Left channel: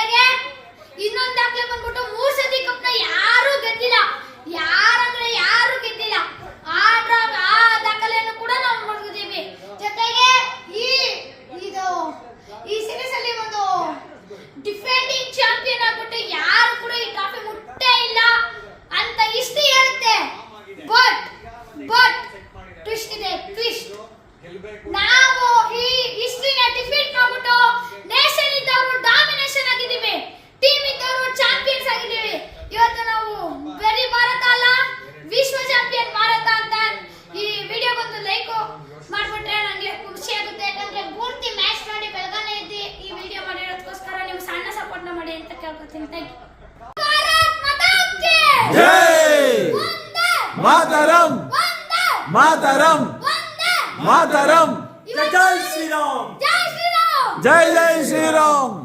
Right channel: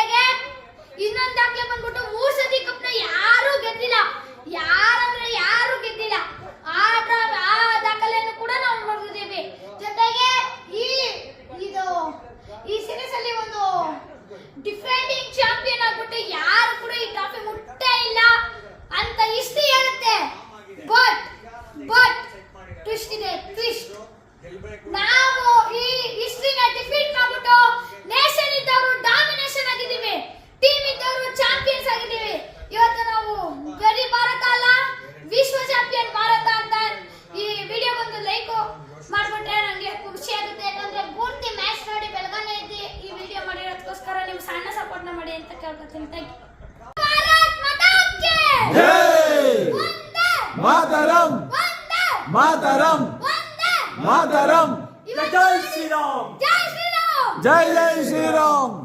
ಜೊತೆಗೆ ಇನ್ನೊಂದು ದಾಖಲೆ ಬಂದ್ಬಿಟ್ಟು 3 ಸತಿ ಕಪ್ನ ಯಾರು ಗೆದ್ದಿಲ್ಲ. ಯಾರು ಗೆದ್ದಿಲ್ಲ. ಆ ದಾಖಲೆಯನ್ನು ಕೂಡ ನಾವು ನೋಡಿದ್ದೀವಿ. ಜೊತೆಗೆ ಈ ಸೀರೀಸ್ ಅಲ್ಲಿ ಒಂದು ಡಿಫೆಂಡಿಂಗ್ ಚಾಂಪಿಯನ್ ಆಗ್ಬಿಟ್ಟು ಯಾರು ಕೂಡ ಈ ಟ್ರಾಫಿ ಮುಟ್ಟೇ ಇಲ್ಲ ಅಂತ ಹಿಸ್ಟ್ರಿ ಹೇಳುತ್ತೆ. ಬಟ್ ಟ್ವಿಸ್ಟ್ ಇದೆ. ಟ್ವಿಸ್ಟ್ ನಾವು ಈ ಹಿಸ್ಟ್ರಿನ ಡಿಫೀಟ್ ಮಾಡ್ಬಿಟ್ಟು ನೇಷನ್ ಇದ್ದವರು ಡಾಮಿನೇಷನ್ ಆಗಿದ್ದೀವಿ, ಟೀಮ್ ಇದ್ದವರು ಚಾಂಪಿಯನ್ಸ್ ಆಗಿದ್ದೀವಿ. ಇವತ್ತು ನಾವು ಬರೀ ಭಾರತ ಅಲ್ಲ, ವಿಶ್ವ ಚಾಂಪಿಯನ್ ಭಾರತ ಅಂತ ಈ ವಿಡಿಯೋಗೊಂದು ಲೈಕ್ ಮಾಡ್ಬಿಟ್ರೆ ನಂಗೆ ಖುಷಿ ಆಗುತ್ತೆ. ಯಾಕಂದ್ರೆ ಪೂರ್ತಿ ಮ್ಯಾಚ್ ನೋಡಿ ಬೆಳಗಾನೆ ಎದ್ದು ಈ ವಿಡಿಯೋ ಮಾಡಿರೋದಕ್ಕೋಸ್ಕರ ನೀವು ಸಣ್ಣ ಸಪೋರ್ಟ್ ಮಾಡಿ ಅಂತ ಕೇಳ್ಕೊತೀನಿ. Thank you. ಭಾರತ್ ಮಾತಾ ಕಿ ಜೈ. ವಂದೇ ಮಾತರಂ. ವಂದೇ ಮಾತರಂ. ವಂದೇ ಮಾತರಂ. ಜೈ ಶ್ರೀರಾಮ್. ಜೈ ಶ್ರೀರಾಮ್. ಜೈ ಜೈ ಶ್ರೀರಾಮ್.